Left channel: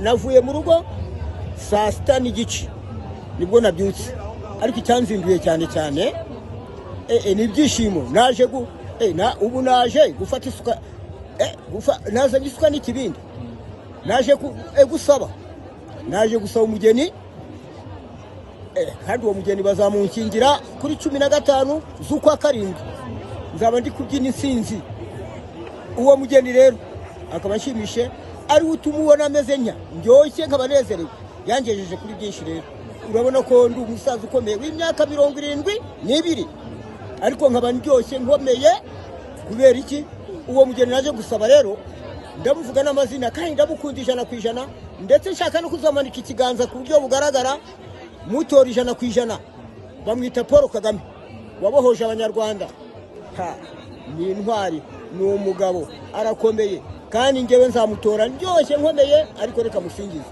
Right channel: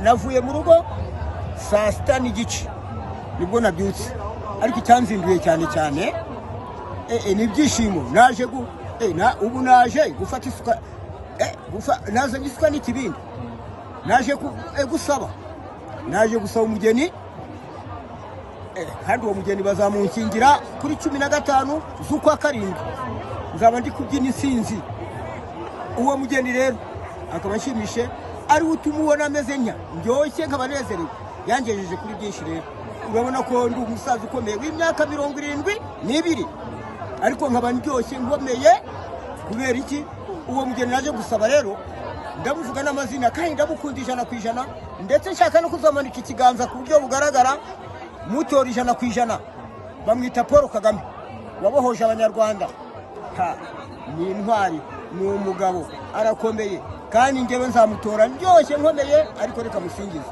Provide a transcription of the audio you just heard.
navuye mu rugo saa sita n'igice nibwo nabyutse, ariko icyanzinduye cyane cyane ni ibyishimo. Naje ubu naje gufata isuka, nazanye isuka n'ikibindi, naje gusaba umugeni, kandi uwo mugeni bazamunkingira kuri 15 z'ukwa karindwi, nzaba ndi kubyina insinzi. Uwo mugeni rero akaba nshimishe, ari utumubona ameze nya ndyoshye, nkabanezerewe, yangejeje kuri byinshi. Rero urabona ko ndi umusaza ukomeye w'imyaka 72, ariko nkaba ndyoshye nkomeye. Kubera iki? Uwo mugeni naje gusaba rero ndamuvuga n'amazina, kandi ndamukunda 100%, ndetse nshaka no kuzamanika ikiganza ku buryo bugaragara, mutora 100%. Bamwita Paul Kagame, wabohoje abanyarwanda. Ni intwari, ni umugabo, arakomeye, kandi ngewe nzamutora ndyoshye nkomeye, ariko reka musingize.